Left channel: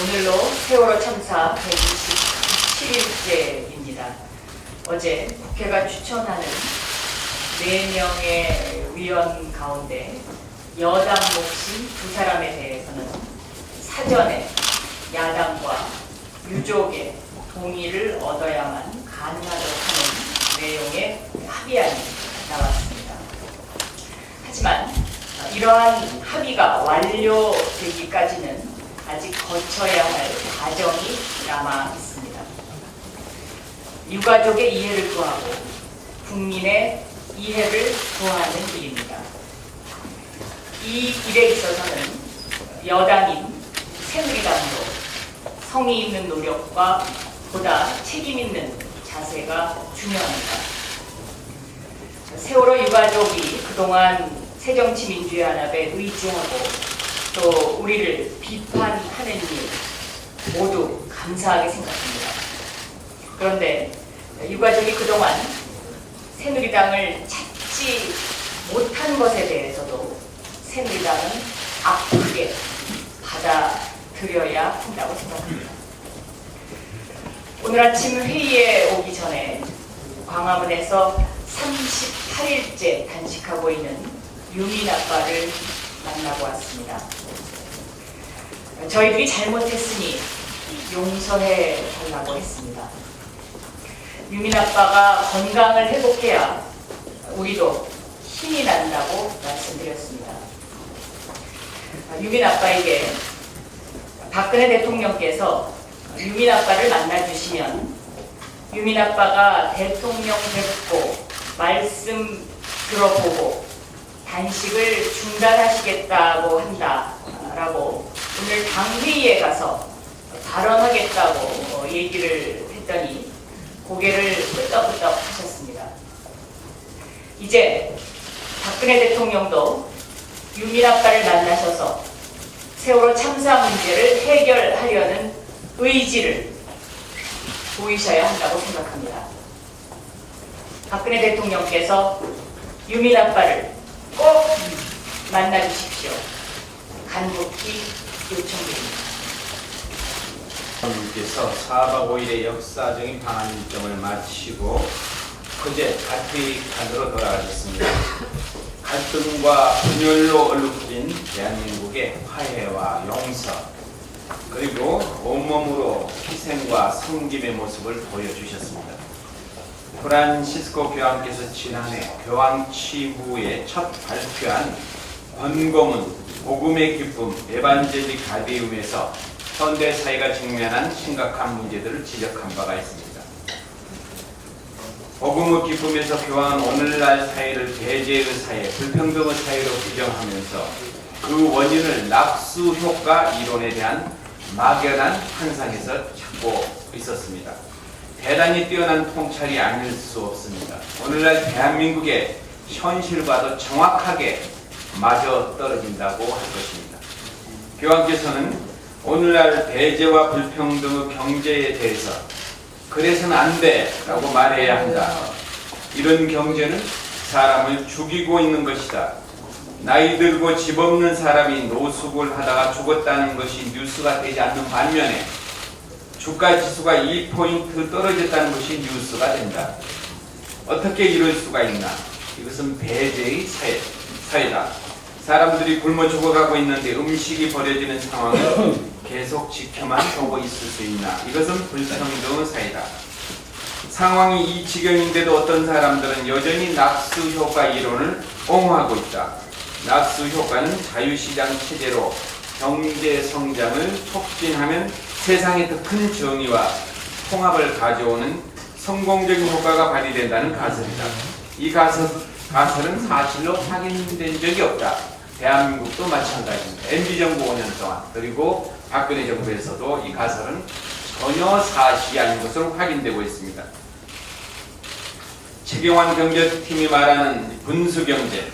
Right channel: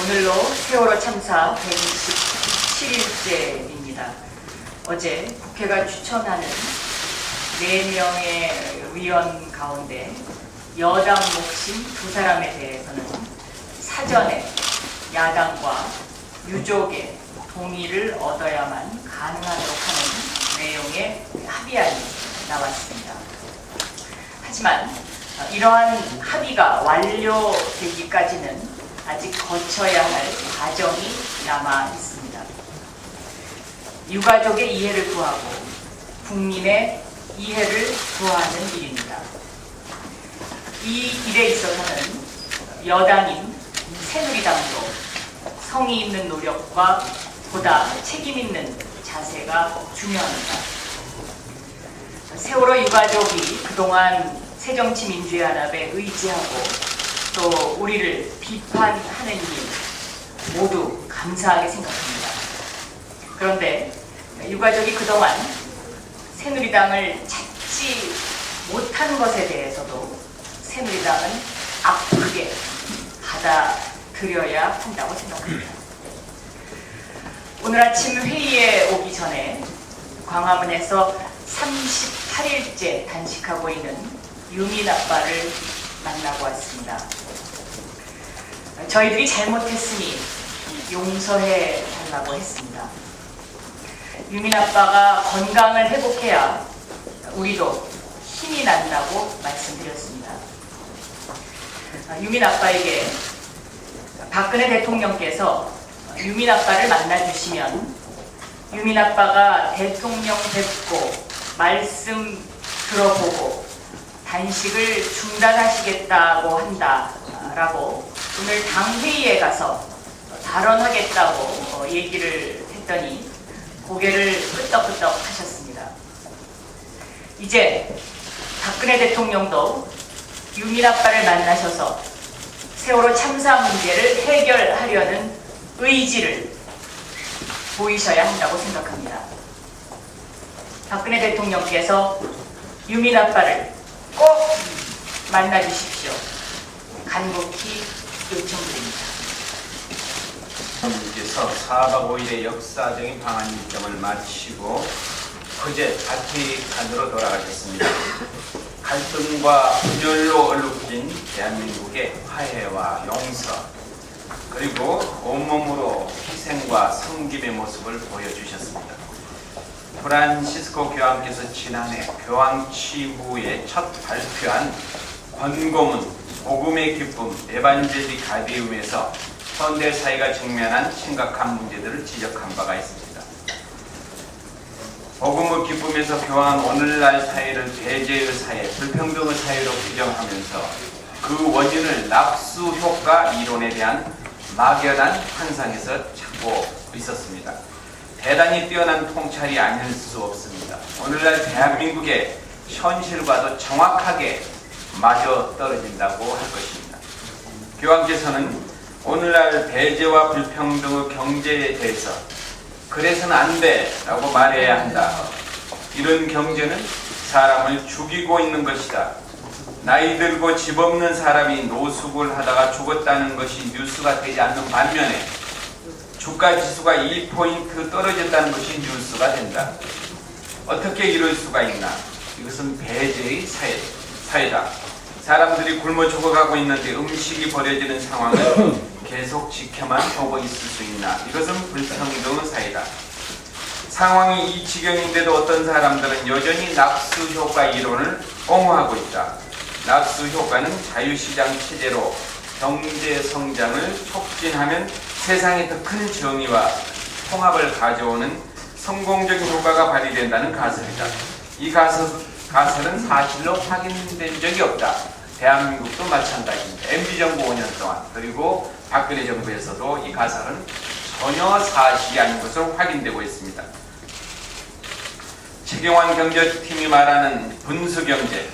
오늘로 세월호 참사 127일째입니다. 어제 국회가 추천하는 4명의 위원 가운데 여당 몫인 2사람에 대해서는 사전에 야당과 유족의 동의를 얻어야만 가능하도록 하는 내용의 합의안이 나왔습니다. 하지만 이러한 합의가 완료되기까지는 아직 거쳐야 할 과정이 남아 있습니다. 유가족의 이해를 구하고 국민의 이해를 구하는 일입니다. 이 일에 있어서는 여당인 새누리당도 성의 있는 노력과 보다 책임 있는 자세가 중요합니다. 세월호 유가족이 그동안 새정치민주연합에 의지하고 또 우리를 비판하는 일 모두 감사하게 생각합니다. 그런데 유가족이 그동안 새누리당을 찾지 못한 것에 대해서도 새누리당은 아프게 받아들여야 한다고 생각합니다. 오늘 아침 회의에 오기 전에 광화문에서 38일째 단식하고 있는 유민 아빠를 만나고 왔습니다. 저희들이 잘못했으니 용서해 달라고 했습니다. 유민 아빠가 건강을 회복해야 우리도 힘이 난다고 말씀드렸습니다. 유민 아빠에게 박근혜 대통령께서 유민 아빠를 만나주시면 유민 아빠가 대통령 뵙고 말씀 들어보고 단식을 중단하시겠다고 한다라고 오늘 당회의에 가서 발언하겠다고 얘기를 했더니 고개를 끄덕끄덕 하셨습니다. 이제 박근혜 대통령도 유민 아빠를 만나셔서 세월호 참사 문제를 해결하려는 의지를 보이셔야 한다고 생각합니다. 박근혜 대통령께서 유민 아빠를 꼭 만나주십시오. 간곡히 요청드립니다. 대통령께서 4박 5일의 역사적인 방한 일정을 마치고 어제 바티칸으로 돌아가셨습니다. 갈등과 분열로 얼룩진 대한민국의 화해와 용서 그리고 온몸으로 희생과 섬김의 모습을 보여주셨습니다. 프란시스코 교황께서 지난해 교황 취후에 첫 발표한 권고문 복음의 기쁨 에반젤리 가디움에서 현대 사회가 직면한 심각한 문제들을 지적한 바가 있습니다. 복음의 기쁨에서 교황은 오늘날 사회를 배제의 사회, 불평등의 사회로 규정하면서 그 원인을 낙수 효과 이론에 대한 막연한 환상에서 찾고 있었습니다. 대단히 뛰어난 통찰이 아닐 수 없습니다. 오늘날 대한민국의 현실과도 정확하게 맞아 떨어진다고 할 것입니다. 교황께서는 오늘날 배제와 불평등의 경제에 대해서 그래서는 안 돼 라고 말해야 한다. 이런 경제는 사람을 죽이고 있는 것이다. 나이 들고 집 없는 사람이 노숙을 하다가 죽었다는 것이 뉴스가 되지 않는 반면에 주가 지수가 2포인트 떨어졌다는 것이 뉴스가 된다. 어떻게 이럴 수가 있나? 이것은 배제의 사회다. 사람들이 굶어 죽어가고 있는데 음식이 버려지는 상황을 계속 지켜만 보고 있을 수 있나? 이것은 불평등의 사회다. 상황이 이 지경인데도 어떤 사람들은 여전히 낙수 효과 이론을 옹호하고 있다. 낙수 효과는 자유시장 체제로 경제 성장을 촉진하면 세상에 더 큰 정의와 통합을 가져오는 성공적인 효과가 발휘된다는 가설이다. 이 가설은 사실로 확인된 적이 없다. 대한민국도 마찬가지입니다. MB정부 5년 동안 그리고 박근혜 정부에서도 이 가설은 전혀 사실이 아닌 것으로 확인되고 있습니다. 최경환 경제팀이 말하는 분수경제,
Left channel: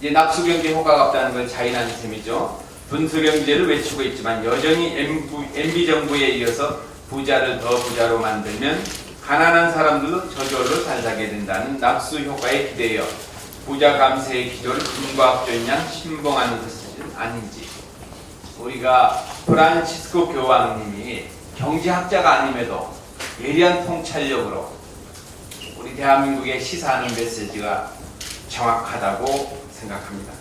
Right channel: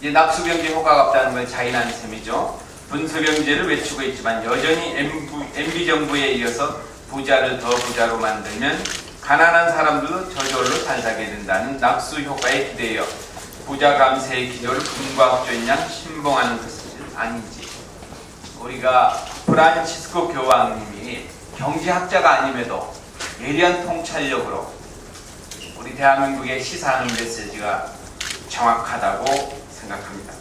이제 낙수경제 효과가 없다는 건 자인하는 셈이죠. 분수경제를 외치고 있지만 여전히 MB정부에 이어서 부자를 더 부자로 만들면 가난한 사람들도 저절로 잘 살게 된다는 낙수 효과에 기대어 부자 감세의 기조를 군과학적인 양 신봉하는 것은 아닌지 우리가 프란치스코 교황님이 경제학자가 아님에도 예리한 통찰력으로 우리 대한민국에 시사하는 메시지가 정확하다고 생각합니다.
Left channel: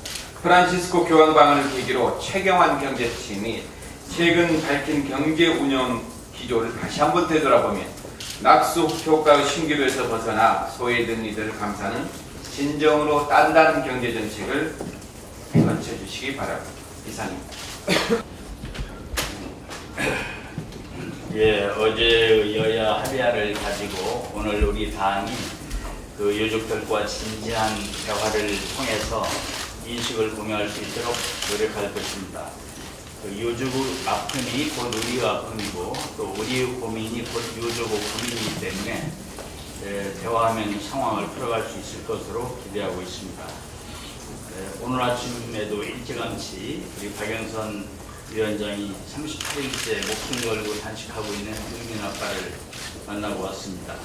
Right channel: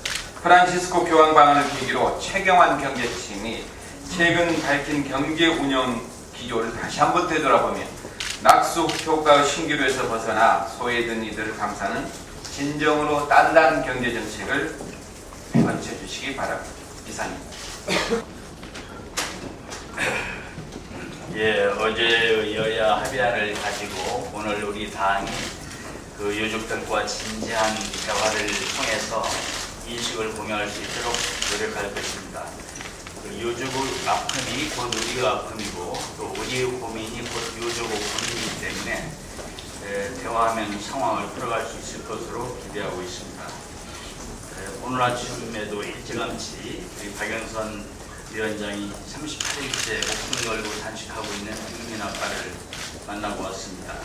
프란치스코 교황 방한을 계기로 최경환 경제친이 최근 밝힌 경제 운영 기조를 다시 한번 되돌아보면 낙수 효과의 신기루에서 벗어나 소외된 이들을 감싸는 진정으로 단단한 경제 정책을 펼쳐주시기 바랍니다. 이상입니다. 예, 어제 여야 합의안을 가지고 오늘 우리 당이 그 유족들과 진지한 대화를 통해서 인식을 공유할 수 있도록 노력할 것입니다. 그 유족의 아픔이 곧 우리의 아픔이고 또 우리의 고민이 곧 유족의 고민이기 때문에 대화하면 상황을 풀어갈 수 있을 것으로 기대하고 있습니다. 오늘 아침에도 일찌감치 우리 박영선 위원장이 38일째 목숨 걸고 단식하고 있는 유민 아빠를 만나고 왔습니다.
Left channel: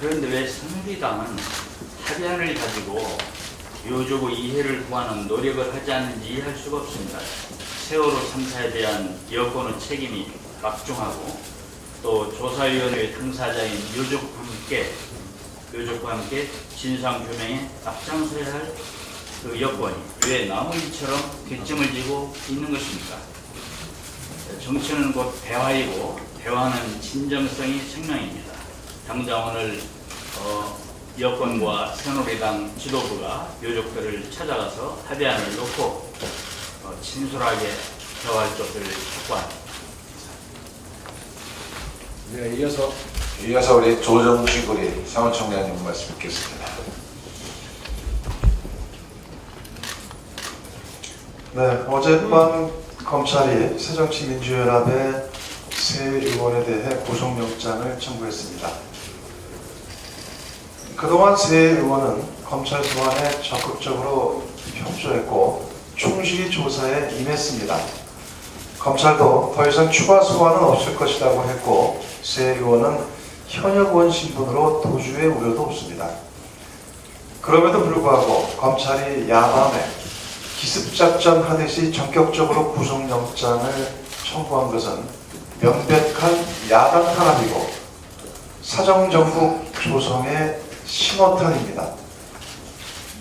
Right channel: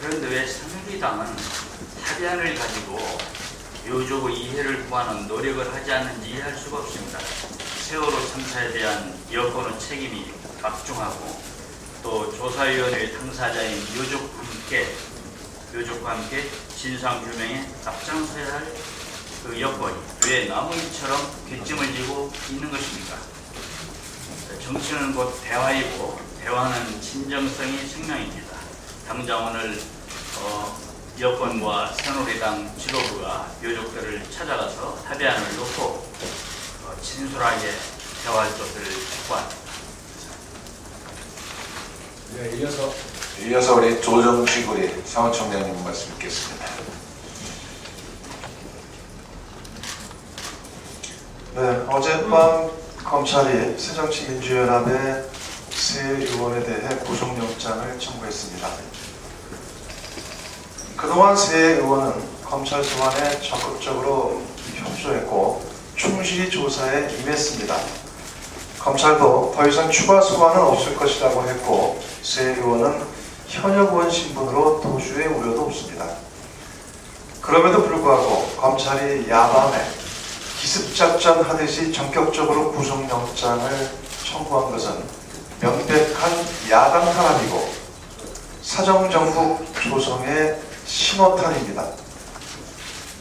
그런데 왜 새누리당은 합의안을 가지고 유족의 이해를 구하는 노력을 하지 않는지 이해할 수가 없습니다. 세월호 참사에 대한 여권의 책임이 막중하고 또 조사위원회 당사자인 유족과 함께 진상규명에 앞장서야 할 그 여건이 왜 나무위처럼 뒷짐을 지고 있는 것입니까? 정치는 곧 대화이고 대화는 진정성이 생명입니다. 당장 오늘 여권과 새누리당 지도부가 유족들을 찾아가서 합의안을 놓고 진솔하게 대화할 것을 촉구합니다. 네, 이어서 우리 조정식 우리 사무총장님 말씀 듣겠습니다. 네, 어젯밤 검찰이 새정치민주연합의 세 의원에 대해 구속영장을 청구했습니다. 그동안 세 의원은 검찰 소환에 적극적으로 협조했고 충실히 조사에 임했습니다. 검찰도 더 이상 추가 소환은 없을 것이라고 했고 세 의원은 현역 의원 신분으로 도주의 우려도 없습니다. 그럼에도 불구하고 검찰이 야밤에 기습작전 하듯이 전격적으로 구속영장을 청구한 것은 명백한 야당 탄압이고 사정정국 조성의 신호탄입니다.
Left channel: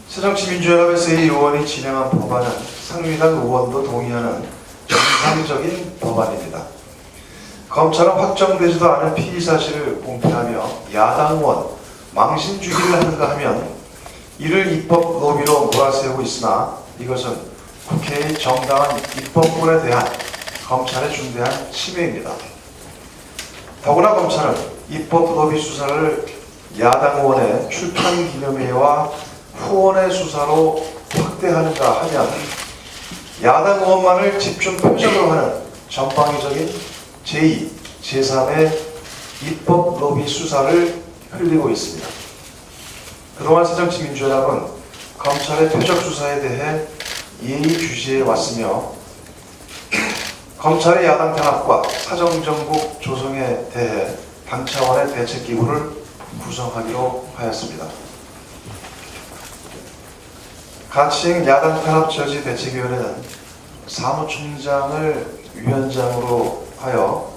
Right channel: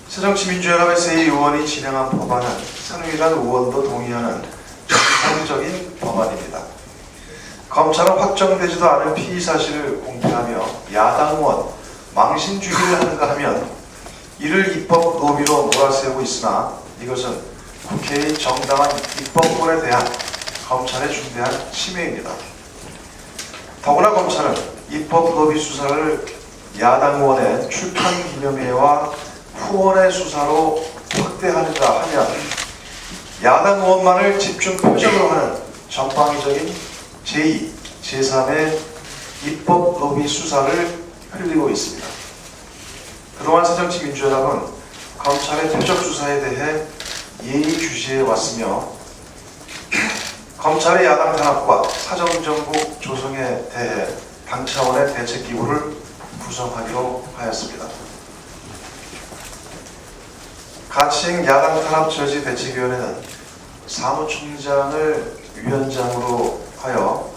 새정치민주연합의 세 의원이 진행한 법안은 새누리당 의원도 동의하는 정상적인 법안입니다. 검찰은 확정되지도 않은 피의사실을 공개하며 야당 의원 망신주기를 하는가 하면 이를 입법 노비로 몰아세우고 있으나 이것은 국회의 정당한 입법권에 대한 검찰의 중대한 침해입니다. 더구나 검찰은 입법 노비 수사를 야당 의원의 출판 기념회와 후원의 수사로 확대하는가 하면 야당 의원만을 집중 표적으로 하는 전방위적인 제2, 제3의 입법 노비 수사를 흘리고 있습니다. 그동안 새정치민주연합은 검찰의 표적 수사에 대해 예의 주시해 왔으며 검찰의 야당 탄압과 사정정국 조성에 대해 당 차원의 대책 기구를 구성하기로 하였습니다. 가칭 야당 탄압 저지 대책위원회는 사무총장을 위원장으로 하여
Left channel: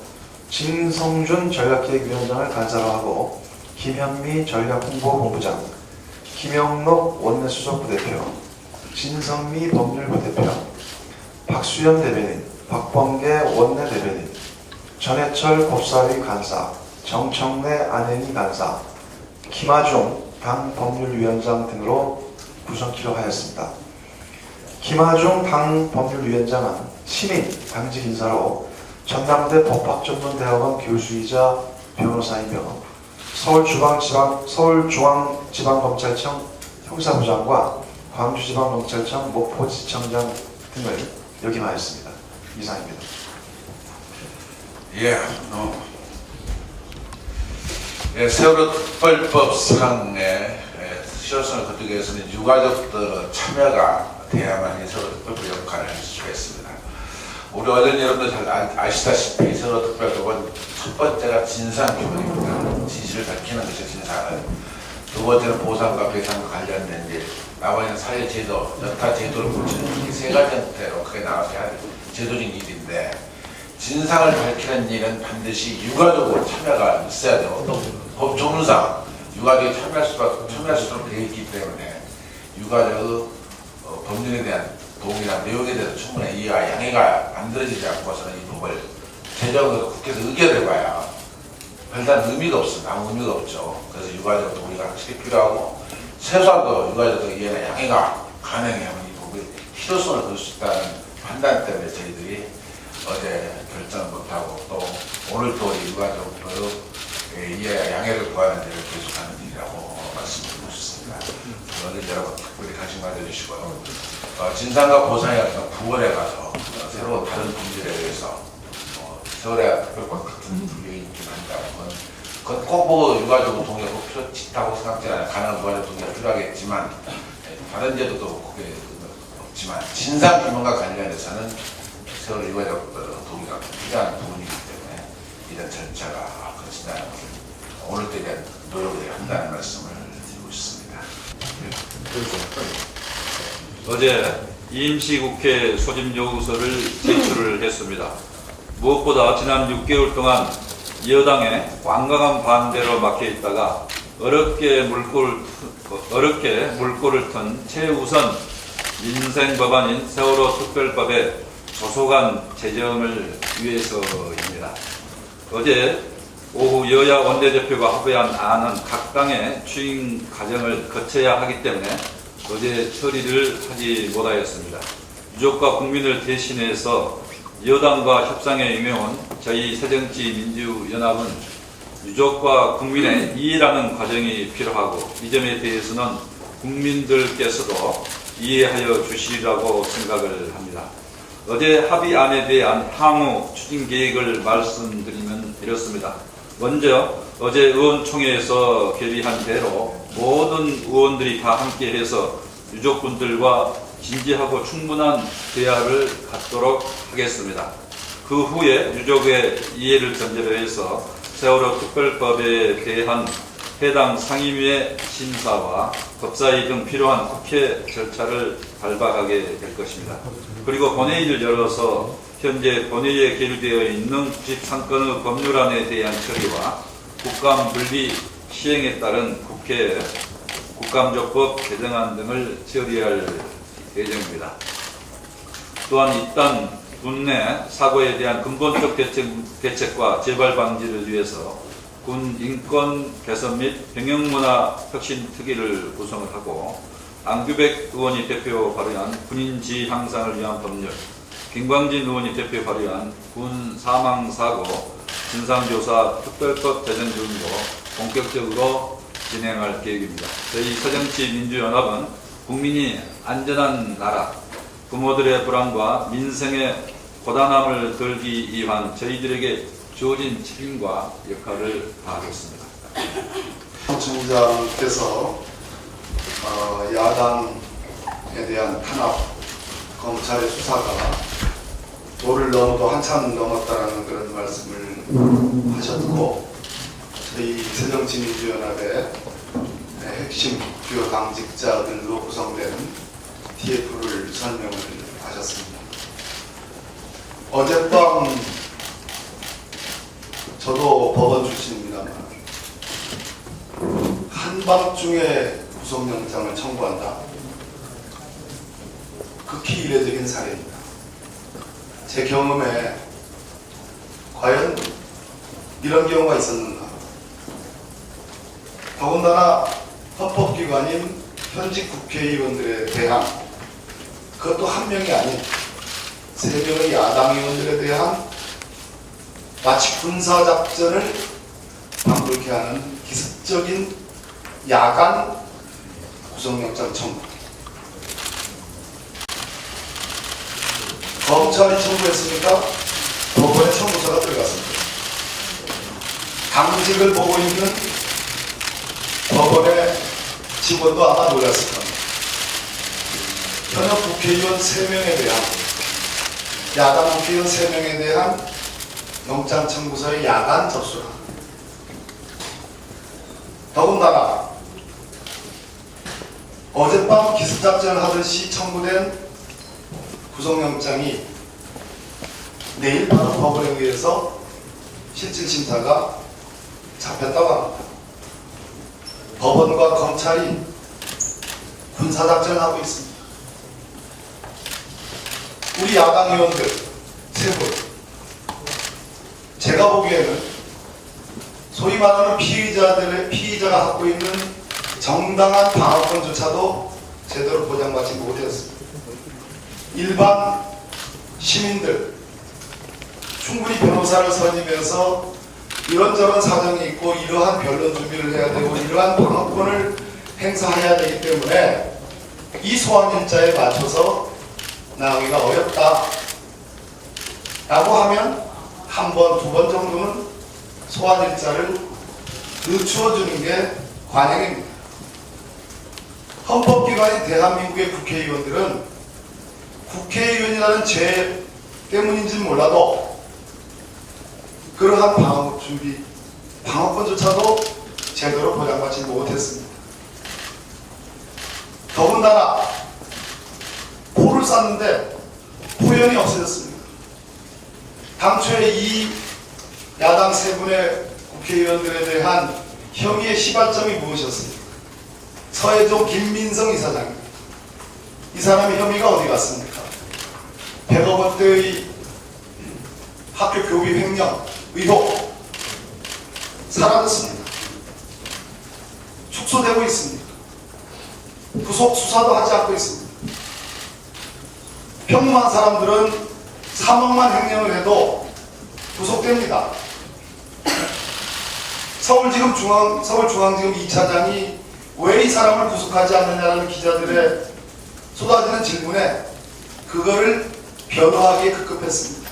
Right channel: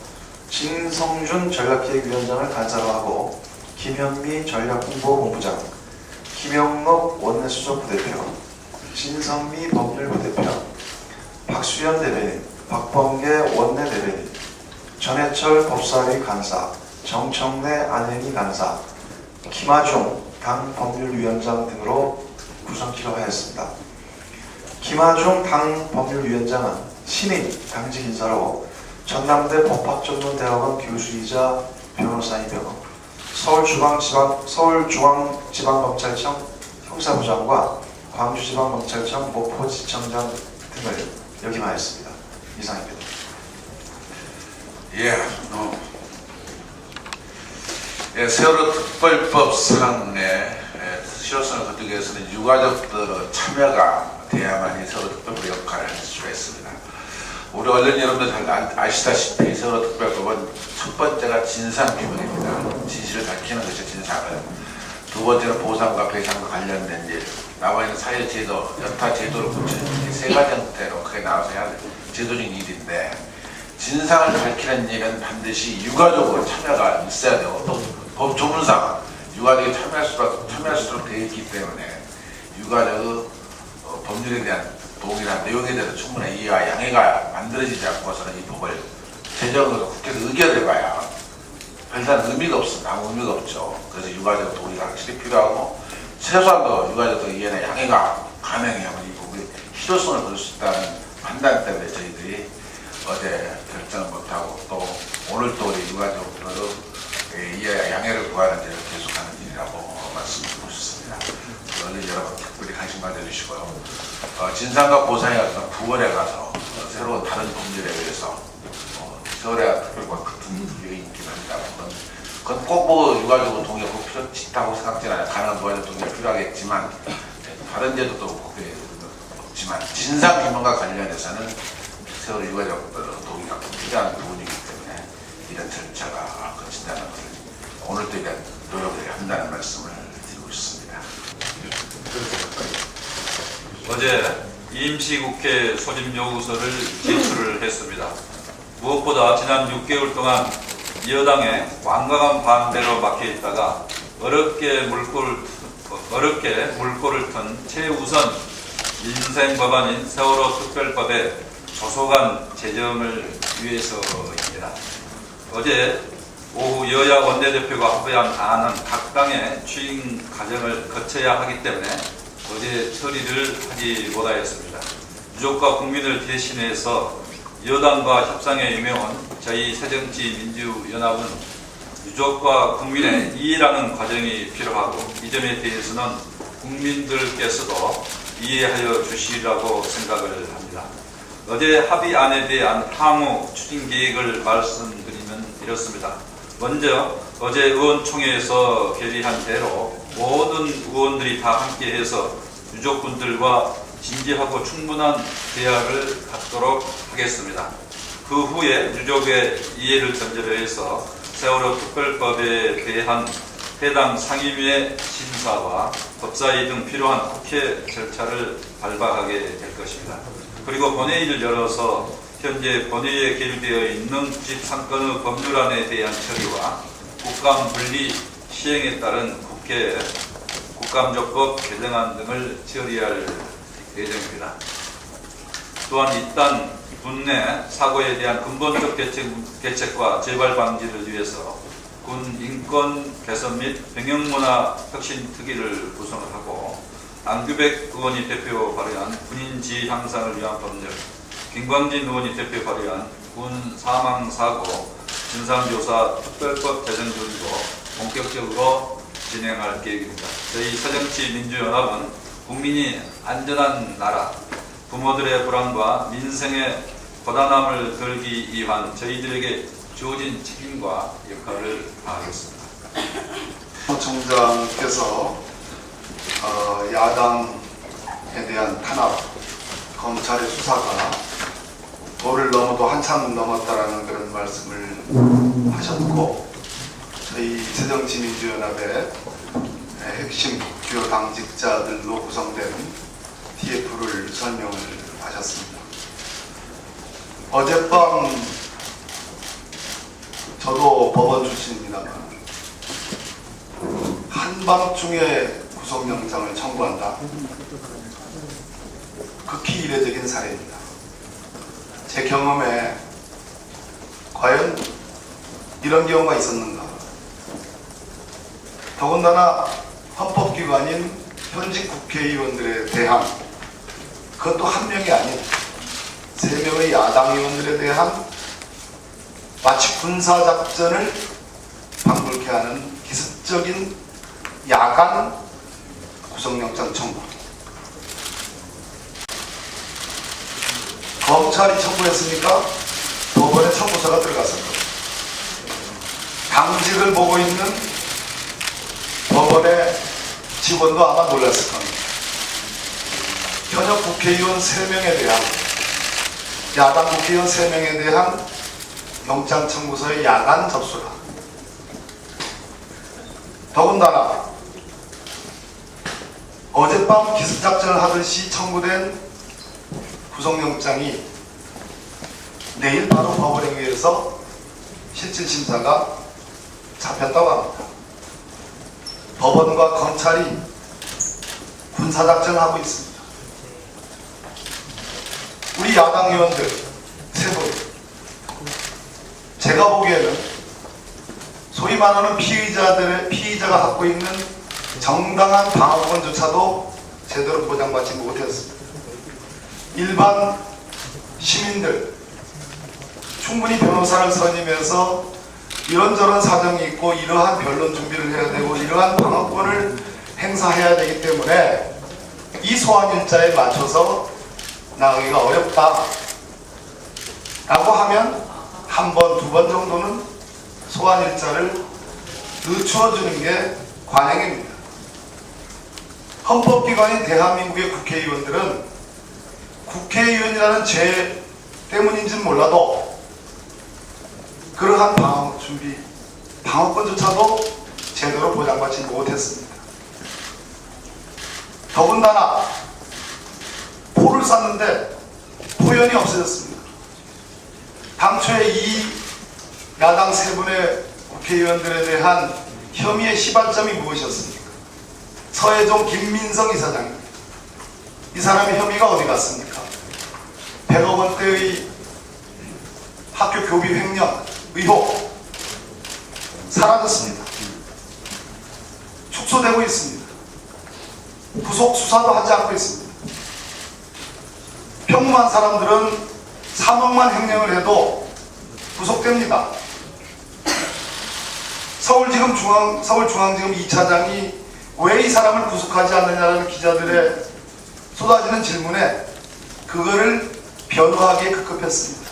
진성준 전략기획위원장을 간사로 하고 김현미 전략홍보본부장, 김영록 원내수석 부대표, 진성미 법률부대표, 박수현 대변인, 박범계 원내대변인, 전해철 법사위 간사, 정청래 안현희 간사, 김하중 당 법률위원장 등으로 구성키로 하였습니다. 김하중 당 법률위원장은 신임 당직 인사로 전남대 법학전문대학원 교수이자 변호사이며 서울중앙지방검찰청 형사부장과 광주지방검찰청 목포지청장 등을 역임하였습니다. 이상입니다. 세월호 특별법 상에 시효성을 거두기 위해서는 유가족들의 참여가 돼야만이 세월호 특별법 역할을 할 수가 있습니다. 우리 언론 여러분들 잘 아시다시피 세월호 특별법은 첫 번째가 진상규명입니다. 진실을 밝히는 것이 진상을. 두 번째는 보상과 배상과 관련된 일. 나와 있는 사회 제도, 여타 제도를 고치는 이 세 가지 형태로 크게 나와서 해야 할 제도적 일인데, 진상을 밝히는 일은 반드시 유가족으로 참여가 있어야 되고, 또 법 조문상 유가족이 참여할 수록 되어 있기 때문에 유가족의 법률에 대한 동의나 내용에 대해서 충분한 이해와 양해가 만들어지지 않고서는 이 법을 제정으로 국회에서 의결해봐야 별다른 의미가 없습니다. 아무 의미가 없죠. 그래서 유가족 동의가 확실히 필요하고, 최소한도 유가족의 이해나 양해가 가능하면 이 법의 실효성을 볼 수 있다는 판단 때문에 저희들이 어제 결정을 못하고, 또 오늘 또 유가족의 이해와 양해를 구하는 일을 계속하는 일이라고 말씀드리고 싶습니다. 오늘 여러분 특별히 관심 가져주시고, 진상과 보상에 가서 부원에 가서 새로운 다른 법률에 의해서 서울의 특별법 같은 법률이 있긴 합니다만, 그건 꼭 뭐 유가족 동의가 필요하다고 생각지 않아요. 가능한 유가족 동의가 필요하겠지만, 다른 제도도 그게 없지만 진상 규명과 관련해서는 세월의 유가족 동의가 필요한 부분이기 때문에 이런 절차가 거친다는 것을 오늘 때에 대한 노력을 한다는 말씀을 드리고 싶습니다. 어제 임시국회 소집 요구서를 제출을 했습니다. 무엇보다 지난 6개월 동안 여당의 완강한 반대로 막혀 있다가 어렵게 물꼬를 튼 최우선 민생 법안인 세월호 특별법의 조속한 제정을 위해서입니다. 어제 오후 여야 원내대표가 합의한 안은 각 당의 추인 과정을 거쳐야 하기 때문에 어제 처리를 하지 못하였습니다. 유족과 국민을 대신해서 여당과 협상에 임해온 저희 새정치민주연합은 유족과 국민의 이해라는 과정이 필요하고, 이 점에 대해서는 국민들께서도 이해하여 주시라고 생각을 합니다. 어제 합의안에 대한 향후 추진 계획을 말씀드리면 이렇습니다. 먼저 어제 의원총회에서 결의한 대로 모든 의원들이 다 함께해서 유족분들과 진지하고 충분한 대화를 갖도록 하겠습니다. 그 후에 유족의 이해를 전제로 해서 세월호 특별법에 대한 해당 상임위의 심사와 법사위 등 필요한 국회 절차를 밟아가게 될 것입니다. 그리고 본회의를 열어서 현재 본회의에 계류되어 있는 93건의 법률안에 대한 처리와 국감 분리 시행에 따른 국회 국감조법 개정안 등을 처리할 예정입니다. 또한 이딴 군내 사고에 대한 근본적 대책과 재발 방지를 위해서 군 인권 개선 및 병영문화 혁신 특위를 구성을 하고, 안규백 의원이 대표 발의한 군인 지위 향상을 위한 법률, 김광진 의원이 대표 발의한 군 사망사고 진상조사 특별법 제정 등으로 본격적으로 진행할 계획입니다. 저희 새정치민주연합은 국민이 안전한 나라, 부모들의 불안과 민생의 고단함을 덜기 위한 저희들에게 주어진 책임과 역할을 다하겠습니다. 총장께서 야당에 대한 탄압, 검찰의 수사가 도를 넘어도 한참 넘었다라는 그런 말씀을 하셨고, 저희 새정치민주연합의 핵심 주요 당직자들로 구성된 TF를 설명을 하셨습니다. 어젯밤 저도 법원 출신입니다만 한밤중에 구속영장을 청구한다. 극히 이례적인 사례입니다. 제 경험에 과연 이런 경우가 있었는가? 더군다나 헌법기관인 현직 국회의원들에 대한, 그것도 한 명이 아닌 3명의 야당 의원들에 대한 마치 군사작전을 방불케 하는 기습적인 야간 구속영장 청구. 검찰이 청구했으니까 법원에 청구서가 들어갔습니다. 당직을 보고 있는 법원의 직원도 아마 놀랐을 겁니다. 현역 국회의원 3명에 대한, 야당 국회의원 3명에 대한 영장 청구서의 야간 접수다. 더군다나 어젯밤 기습작전을 하듯이 청구된 구속영장이 내일 바로 법원에 의해서 실질심사가 잡혔다고 합니다. 법원과 검찰이 군사작전을 하고 있습니다. 우리 야당 의원들 세 분, 제가 보기에는 소위 말하는 피의자가 갖고 있는 정당한 방어권조차도 제대로 보장받지 못했습니다. 일반 시민들 충분히 변호사를 선임해서 이런저런 사정이 있고 이러한 변론 준비를 해야 되고 이러한 방어권을 행사해야 되기 때문에 이 소환 일자에 맞춰서 나가기가 어렵다 라고 하면 한 번, 두 번 정도는 소환 일자를 늦추어 주는 게 관행입니다. 헌법기관인 대한민국의 국회의원들은 국회의원이라는 죄 때문인지는 몰라도 그러한 방어권조차도 제대로 보장받지 못했습니다. 더군다나 포를 쐈는데 포연이 없어졌습니다. 당초에 이 야당 세 분의 국회의원들에 대한 혐의의 시발점이 무엇이었습니까? 서해종 김민성 이사장입니다. 이 사람의 혐의가 어디 갔습니까? 100억 원대의 학교 교비 횡령 의혹 사라졌습니다. 축소되고 있습니다. 구속 수사도 하지 않고 있습니다. 평범한 사람들은 3억만 횡령을 해도 구속됩니다. 서울중앙지검 2차장이 왜 이 사람을 구속하지 않느냐는 기자들의 쏟아지는 질문에 그거를 변호하기에 급급했습니다.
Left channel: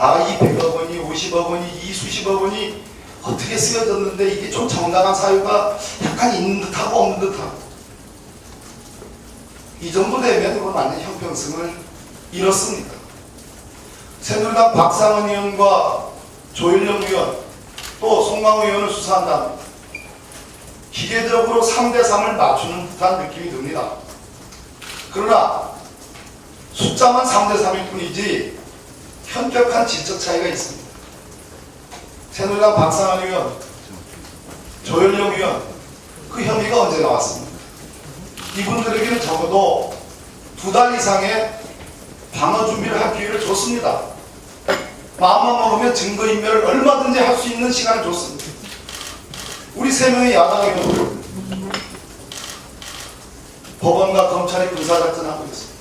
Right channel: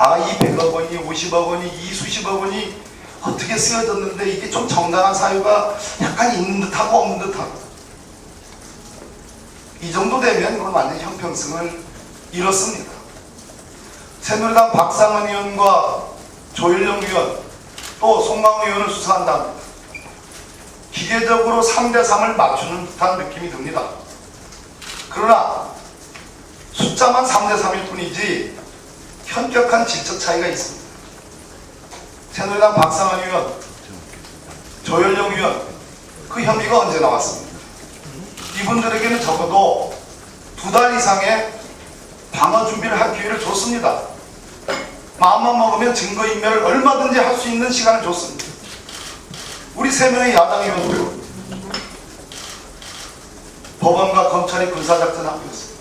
이 100억 원이 50억 원이 이 수십억 원이 어떻게 쓰여졌는데 이게 좀 정당한 사유가 약간 있는 듯하고 없는 듯하고 이 정도 되면 그건 완전 형평성을 잃었습니다. 새누리당 박상원 의원과 조일령 의원 또 송강호 의원을 수사한답니다. 기계적으로 3대3을 맞추는 듯한 느낌이 듭니다. 그러나 숫자만 3대3일 뿐이지 현격한 질적 차이가 있습니다. 새누리당 박상원 의원, 조일령 의원 그 혐의가 언제 나왔습니까? 이분들에게는 적어도 2달 이상의 방어 준비를 할 기회를 줬습니다. 마음만 먹으면 증거인멸을 얼마든지 할 수 있는 시간을 줬습니다. 우리 3명의 야당 의원들 법원과 검찰이 군사작전하고 있습니다.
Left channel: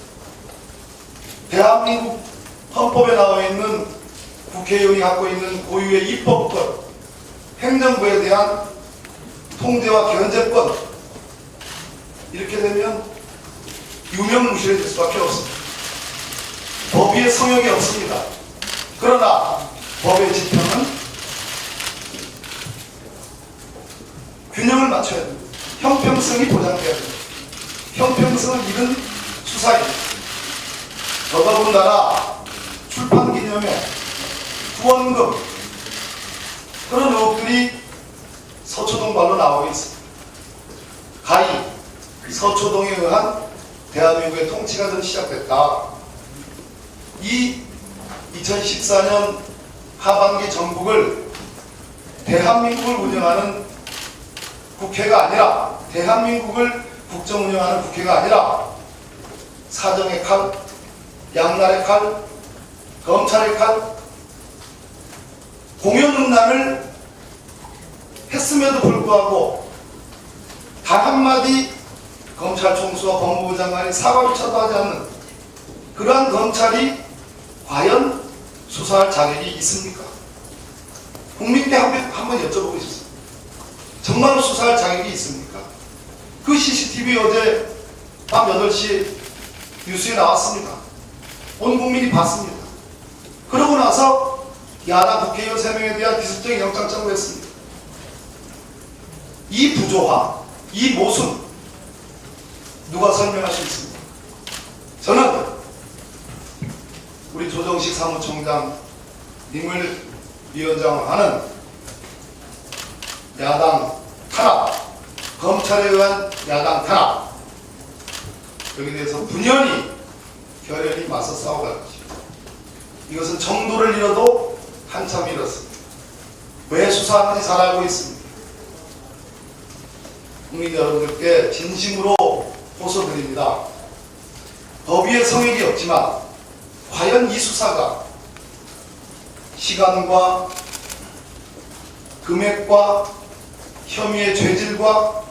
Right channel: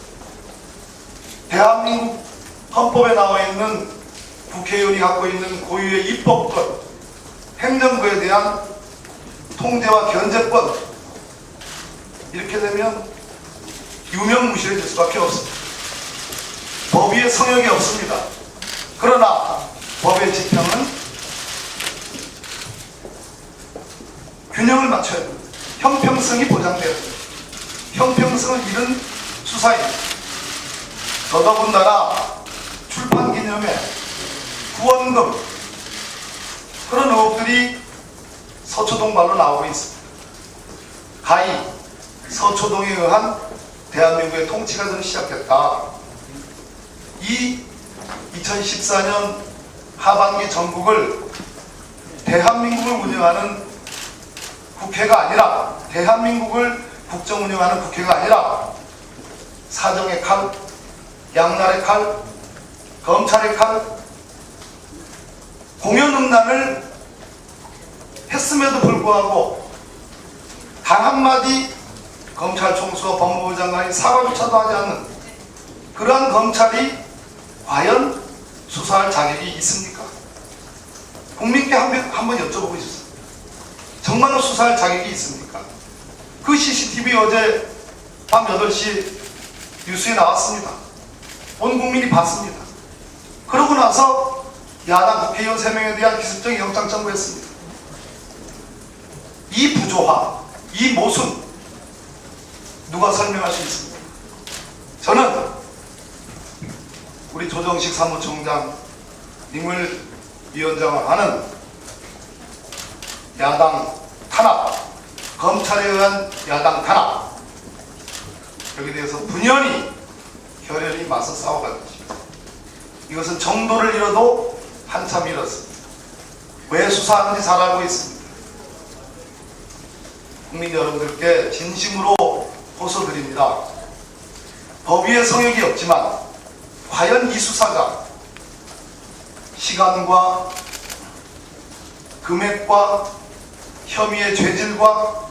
대한민국 헌법에 나와 있는 국회의원이 갖고 있는 고유의 입법권, 행정부에 대한 통제와 견제권 이렇게 되면 유명무실해질 수밖에 없습니다. 법 위에 성역이 없습니다. 그러나 법의 지평은 균형을 맞춰야 됩니다. 형평성이 보장돼야 됩니다. 형평성을 잃은 수사입니다. 더더군다나 출판기념회, 후원금 그런 의혹들이 서초동 말로 나오고 있습니다. 가히 서초동에 의한 대한민국의 통치가 좀 시작됐다. 이 2014년 하반기 전국을 대한민국을 운영하는 국회가 아니라 대한민국을 국정 운영하는 국회가 아니라 사정의 칼, 양날의 칼, 검찰의 칼, 공연응단을 했음에도 불구하고 단 한마디 검찰총수와 법무부 장관이 사과조차도 하지 않는 그러한 검찰이 과연 수사할 자격이 있습니까? 국민께 한번 여쭤보고 있었습니다. 정말로 수사할 자격이 있습니까? 그 CCTV 어제 밤 8시 뉴스에 나왔습니다. 온 국민이 봤습니다. 그러고 나서 야당 국회의원 3명에 대한 기습적인 영장 청구했습니다. 이 부조화, 이 모순 누가 설명할 수 있습니까? 저는 우리 조정식 사무총장 님을 위원장을 하는 야당 탄압, 검찰에 의한 야당 탄압 여기에 대해서 분연히 결연히 맞서 싸워갈 것입니다. 이것은 정도를 잃어도 한참 잃었습니다. 왜 수사하는지 잘 알고 있습니다. 국민 여러분들께 진심으로 호소드립니다. 법 위에 성역이 없지만 과연 이 수사가 시간과 금액과 혐의의 죄질과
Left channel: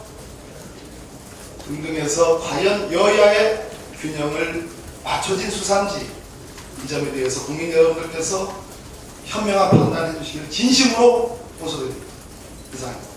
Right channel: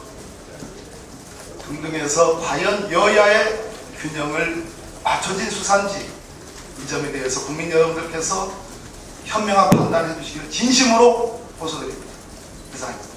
등등에서 과연 여야의 균형을 맞춰진 수사인지 이 점에 대해서 국민 여러분들께서 현명한 판단해 주시기를 진심으로 호소드립니다. 이상입니다.